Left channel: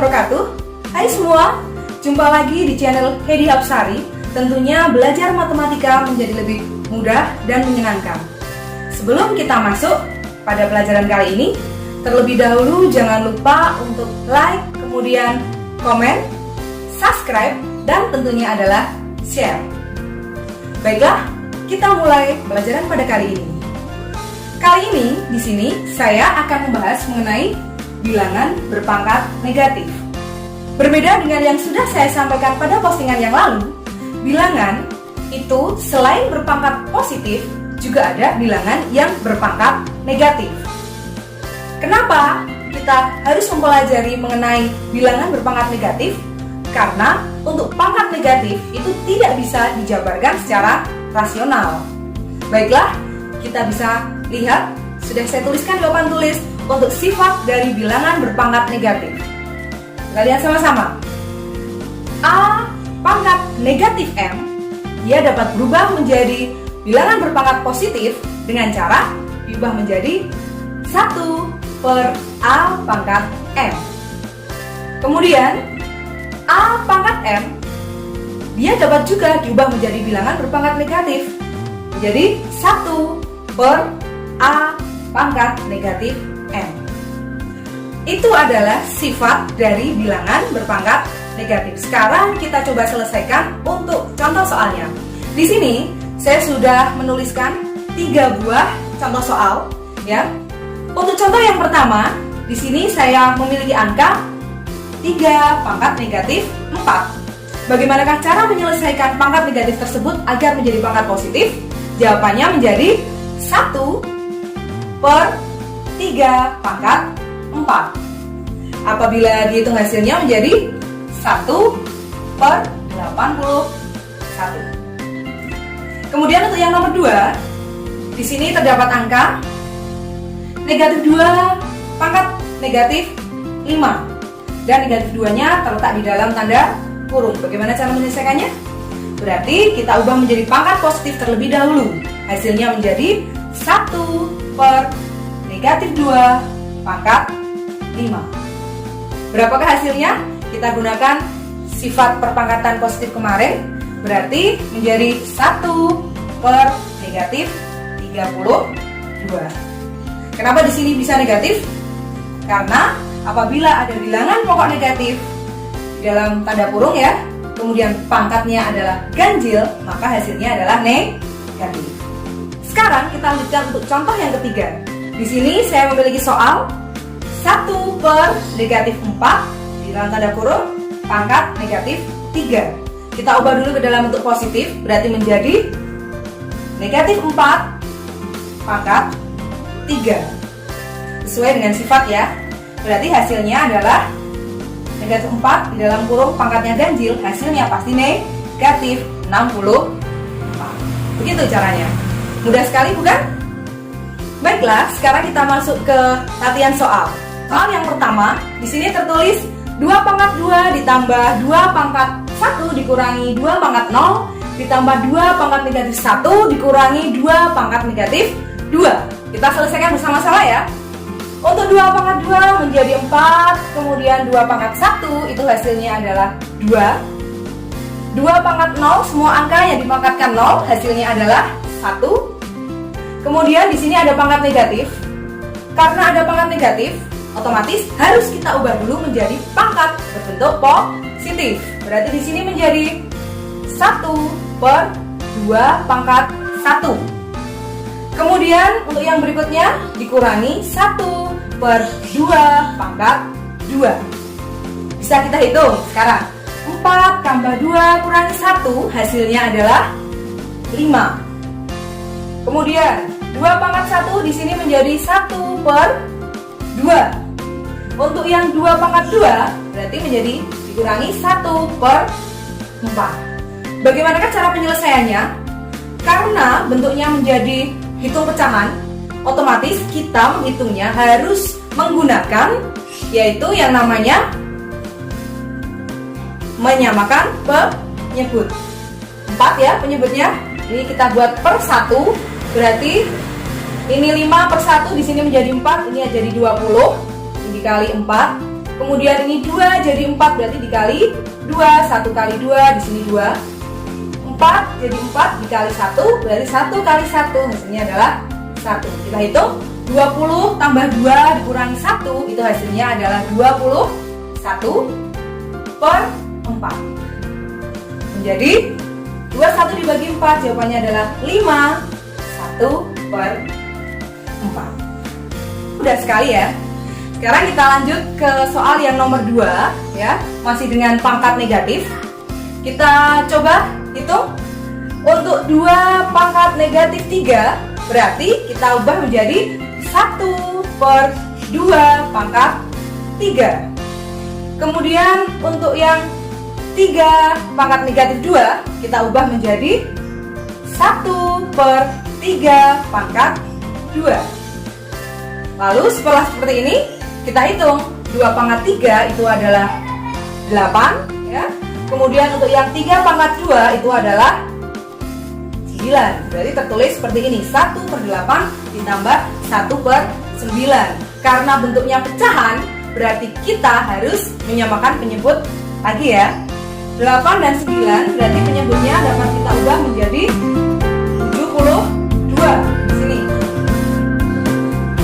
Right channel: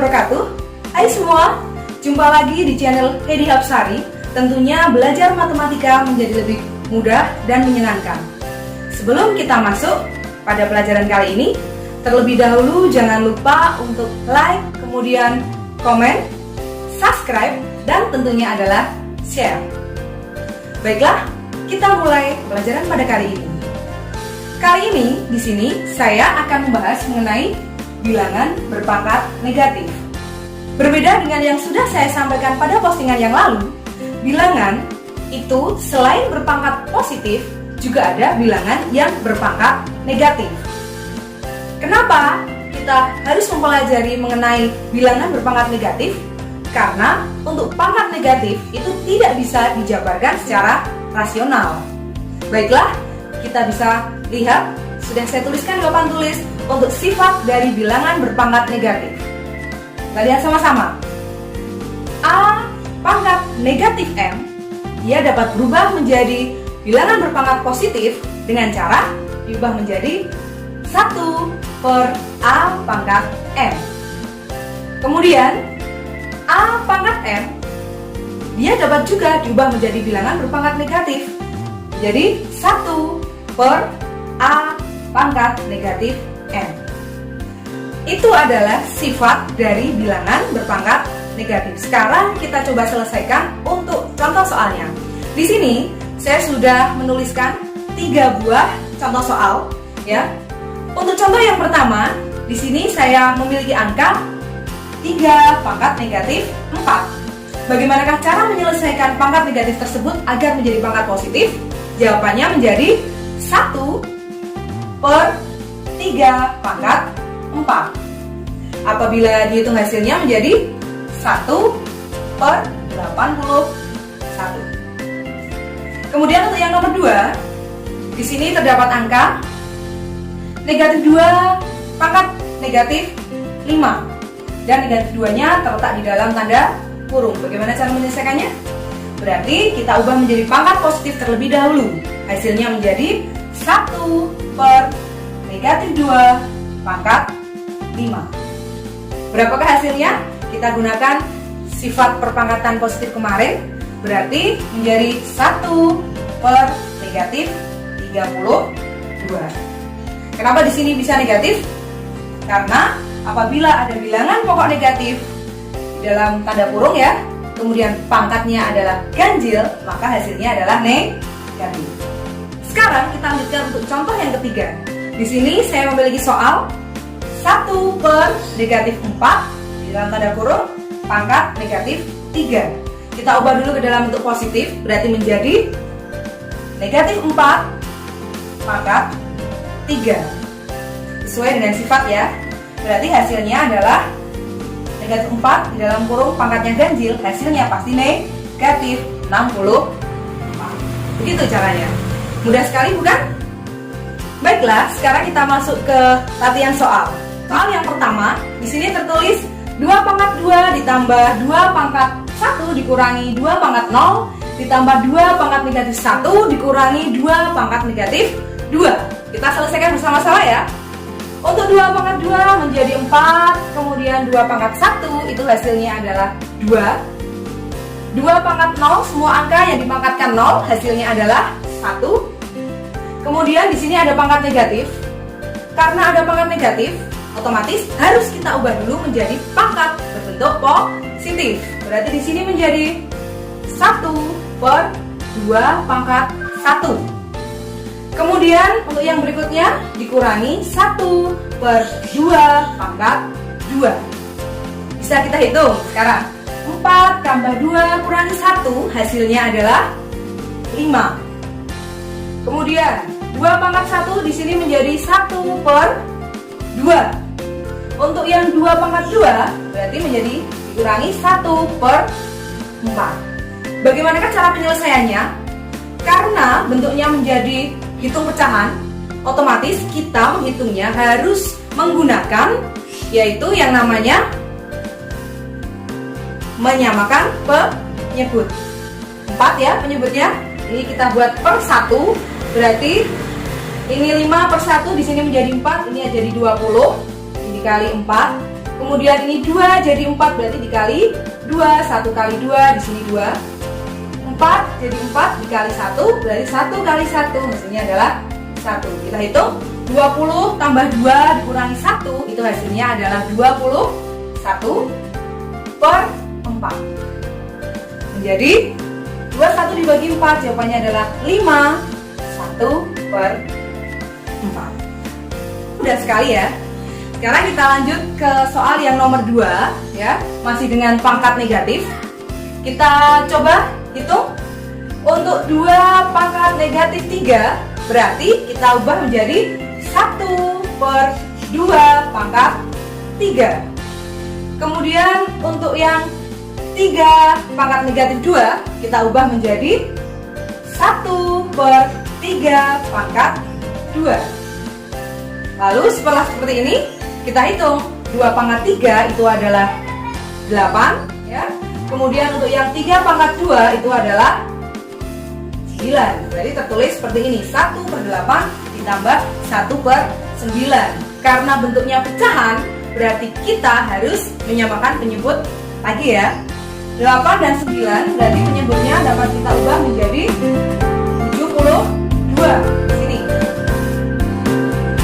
wabarakatuh. Hai semua, jumpa lagi di channel Hedi Hapsari. Tentunya belajar matematika menjadi lebih mudah dan menyenangkan. Sebelum kita masuk pada pelajaran kali ini, terlebih dahulu jangan lupa untuk like, kemudian komen, subscribe, dan tentunya adalah share. Baiklah, kita mulai pelajaran pada kali ini. Kali ini di sini saya akan membahas mengenai bilangan berpangkat negatif. Berbeda dengan yang sudah saya sampaikan pada postingan yang lalu, bilangan itu selain berpangkat positif, juga ada bilangan yang berpangkat negatif. Kenapa kita harus mempelajari mengenai bilangan berpangkat negatif? Karena untuk pangkat negatif itu tidak bisa dijabarkan secara rasional. Baiklah, kita bisa lihat, sudah saya tuliskan di papan tulis untuk sifat dari bilangan berpangkat negatif. Kita lihat sama-sama. A pangkat negatif M, dia dapat berubah menjadi bilangan berpangkat positif dengan cara diubah menjadi 1 per A pangkat M. Kemudian A pangkat M, dia dapat juga diubah menjadi bilangan berpangkat negatif. Jadi 1 per A pangkat negatif M. Itu adalah sifat dari bilangan berpangkat negatif. Sekarang kita coba selesaikan untuk contoh soalnya. Di sini saya sudah menuliskan 3 buah contoh soal, ya. Untuk contoh yang pertama, di sini saya memiliki angka 3 pangkat negatif 4. Bagaimanakah cara menyelesaikan pangkat negatif tersebut agar menjadi pangkat positif? Jawabannya menjadi 1 per 3 pangkat 4. Apabila dihitung hasilnya menjadi 1 per 81. Kemudian untuk yang nomor 2, di sini terdapat angka negatif 2 pangkat negatif 5. Dan negatif 2-nya terletak di dalam tanda kurung. Bagaimana cara menyelesaikannya? Berarti kita ubah menjadi pangkat positif terlebih dahulu. Hasilnya menjadi 1 per negatif 2 pangkat 5. Berapakah hasilnya? Kita gunakan sifat perpangkatan positif kemarin. Berarti menjadi 1 per negatif 32. Kenapa di sini bisa negatif? Karena apabila ada bilangan pokok negatif di dalam tanda kurung, ya, kemudian pangkatnya adalah ganjil, maka hasilnya adalah negatif. Sekarang kita lanjutkan untuk contoh yang ketiga. Di sini saya memiliki soal 1 per negatif 4 di dalam tanda kurung pangkat negatif 3. Kita ubah dulu ke dalam bentuk positif, berarti menjadi negatif 4 pangkat 3. Sesuai dengan sifat, ya. Berarti hasilnya adalah negatif 4 di dalam kurung pangkatnya ganjil, hasilnya pasti negatif 64. Begitu caranya. Mudah sekali, bukan? Baiklah, sekarang kita masuk ke latihan soal. Soal yang pertama, di sini tertulis 2 pangkat 2 ditambah 2 pangkat 1 dikurangi 2 pangkat 0 ditambah 2 pangkat negatif 1 dikurangi 2 pangkat negatif 2. Kita selesaikan bersama-sama, ya. Untuk 2 pangkat 2 menjadi 4, kemudian 2 pangkat 1 itu hasilnya adalah 2. 2 pangkat 0, semua angka yang dipangkatkan 0 hasilnya adalah 1. Kemudian di sini ada pangkat negatif. Karena ada pangkat negatif, otomatis harus kita ubah dulu menjadi pangkat berbentuk positif. Berarti di sini menjadi 1 per 2 pangkat 1. Kemudian untuk yang berikutnya dikurangi 1 per 2 pangkat 2. Bisa kita hitung sekarang. 4 tambah 2 kurangi 1 hasilnya adalah 5. Kemudian 2 pangkat 1 di sini menjadi 1 per 2. Untuk yang 2 pangkat 2 berarti menjadi dikurangi 1 per 4. Bagaimanakah cara penyelesaiannya? Karena bentuknya menjadi hitung pecahan, otomatis kita menghitungnya harus menggunakan yaitu yang namanya menyamakan penyebut. 4, ya, penyebutnya. Ini kita buat per 1, berarti ini 5 per 1 di sini menjadi 4, ini jadi 20. Ini dikali 4 Kemudian ini 2 jadi 4 berarti dikali 2, 1 kali 2 di sini 2. 4 jadi 4 dikali 1 berarti 1 kali 1 hasilnya adalah 1. Kita hitung 20 tambah 2 dikurangi 1 itu hasilnya adalah 21 per 4. Menjadi 21 dibagi 4 jawabannya adalah 5, 1 per 4. Mudah sekali ya. Sekarang kita lanjut ke soal yang nomor 2 ya, masih dengan pangkat negatif. Kita coba hitung. Untuk 2 pangkat negatif 3 berarti kita ubah menjadi 1 per 2 pangkat 3. Kemudian untuk yang 3 pangkat negatif 2 kita ubah menjadi 1 per 3 pangkat 2. Lalu setelah seperti ini kita hitung 2 pangkat 3 itu adalah 8 ya. Kemudian untuk yang 3 pangkat 2 itu adalah 9. Jadi tertulis seperti ini, 1 per 8 ditambah 1 per 9. Karena bentuknya pecahan berarti kita harus menyamakan penyebut lagi ya. 8 dan 9 berarti penyebutnya dapat kita ubah menjadi 72 di sini.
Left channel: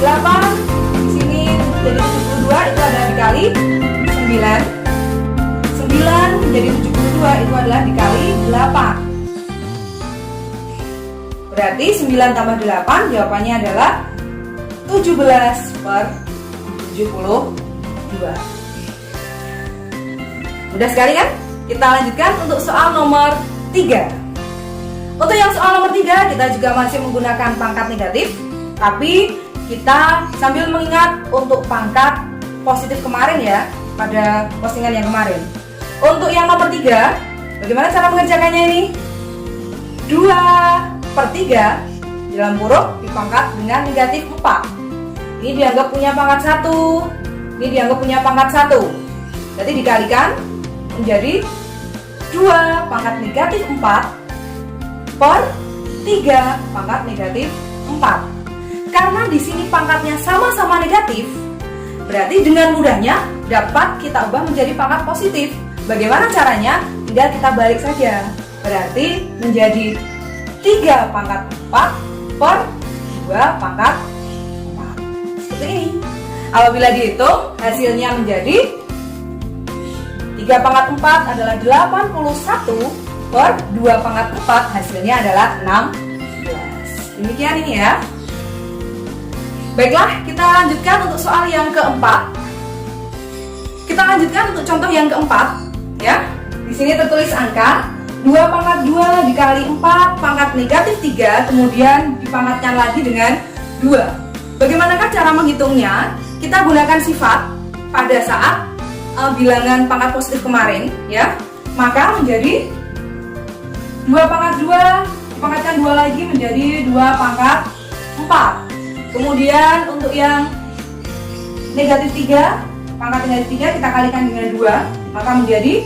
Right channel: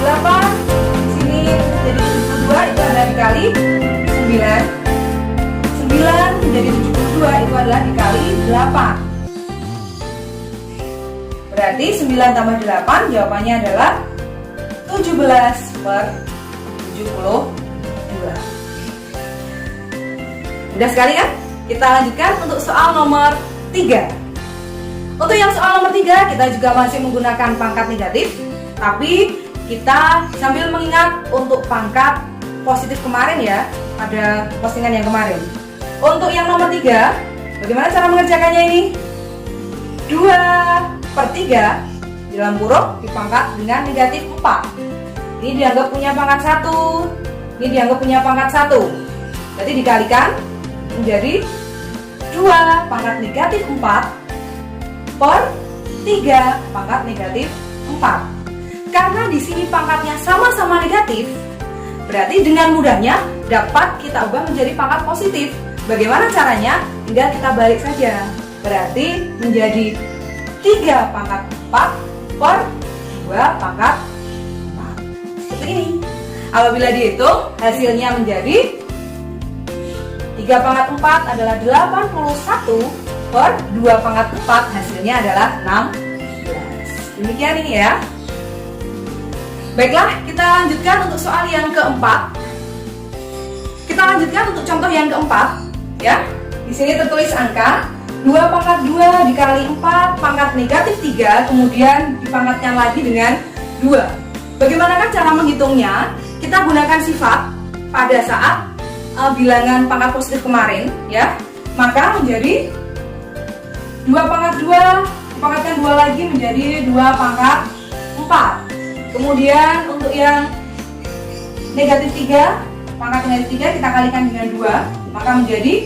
8 di sini jadi 72 itu adalah dikali 9. 9 menjadi 72 itu adalah dikali 8. Berarti 9 tambah 8 jawabannya adalah 17 per 72. Mudah sekali ya. Kita lanjutkan untuk soal nomor 3. Untuk yang soal nomor 3 kita juga masih menggunakan pangkat negatif, tapi kita sambil mengingat untuk pangkat positif kemarin ya, pada postingan yang kemarin. Untuk yang nomor 3, bagaimana cara mengerjakannya ini? 2 per 3 dalam huruf dipangkat dengan negatif 4. Ini dianggap punya pangkat 1, ini dianggap punya pangkat 1. Berarti dikalikan menjadi 2 pangkat negatif 4 per 3 pangkat negatif 4. Karena di sini pangkatnya sama-sama negatif, berarti dengan mudahnya dapat kita ubah menjadi pangkat positif. Bagaimana caranya? Tinggal kita balik saja. Berarti menjadi 3 pangkat 4 per 2 pangkat 4. Seperti ini. Apabila dihitung, hasilnya menjadi 3 pangkat 4 adalah 81 per 2 pangkat 4 hasilnya adalah 16. Demikian ini ya. Baiklah, kita lanjutkan untuk soal yang keempat. Kita lanjutkan untuk contoh yang keempat ya. Di sini tertulis angka 2 pangkat 2 dikali 4 pangkat negatif 3 kemudian dipangkatkan lagi dengan 2. Bagaimanakah cara menghitungnya? Kita gunakan sifat pada saat bilangan pangkat positif kemarin ya. Maka menjadi 2 pangkat 2 dipangkatkan 2 lagi menjadi 2 pangkat 4. Kemudian untuk yang negatif 3, pangkat negatif 3 kita kalikan dengan 2, maka menjadi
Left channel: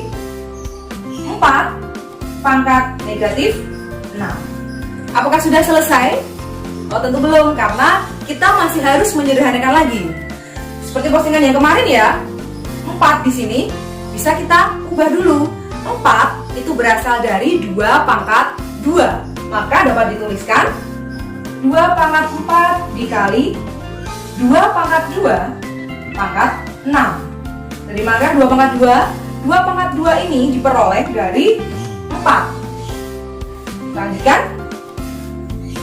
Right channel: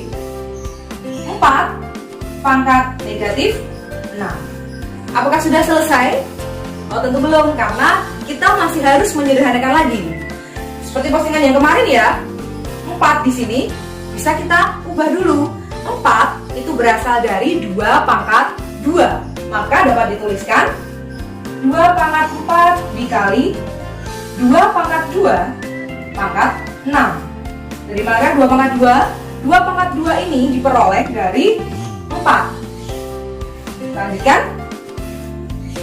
4 pangkat negatif 6. Apakah sudah selesai? Oh tentu belum, karena kita masih harus menyederhanakan lagi. Seperti postingan yang kemarin ya, 4 di sini bisa kita ubah dulu. 4 itu berasal dari 2 pangkat 2, maka dapat dituliskan 2 pangkat 4 dikali 2 pangkat 2 pangkat 6. Dari mana 2 pangkat 2? 2 pangkat 2 ini diperoleh dari 4. Lanjutkan.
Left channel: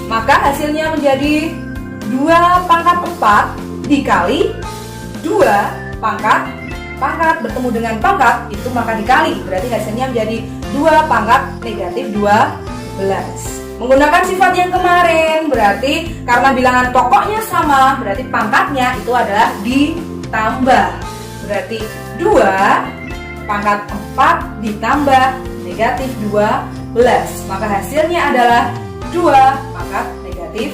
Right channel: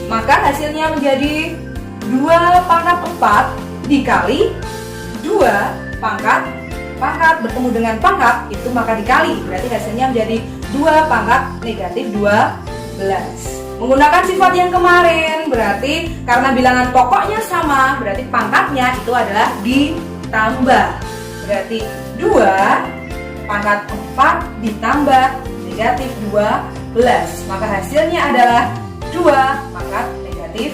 Maka hasilnya menjadi 2 pangkat 4 dikali 2 pangkat bertemu dengan pangkat itu maka dikali. Berarti hasilnya menjadi 2 pangkat negatif 12. Menggunakan sifat yang kemarin, berarti karena bilangan pokoknya sama, berarti pangkatnya itu adalah ditambah. Berarti 2 pangkat 4 ditambah negatif 12. Maka hasilnya adalah 2 pangkat negatif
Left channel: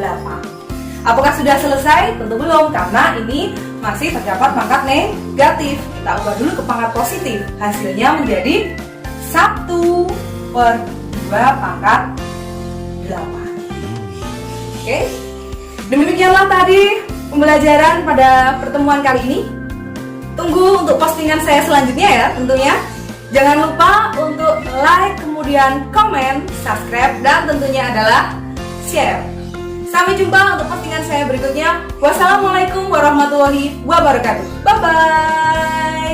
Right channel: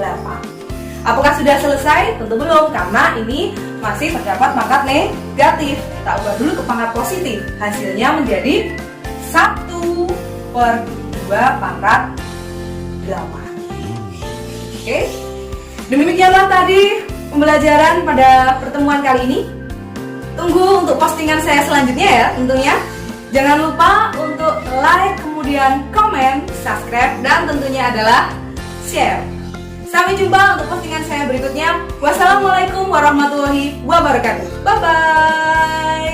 8. Apakah sudah selesai? Tentu belum, karena ini masih terdapat pangkat negatif. Kita ubah dulu ke pangkat positif. Hasilnya menjadi 1 per 2 pangkat 8. Oke, demikianlah tadi pembelajaran pada pertemuan kali ini. Tunggu untuk postingan saya selanjutnya ya tentunya. Jangan lupa untuk like, kemudian komen, subscribe, dan tentunya adalah share. Sampai jumpa untuk postingan saya berikutnya. Wassalamualaikum warahmatullahi wabarakatuh. Bye-bye.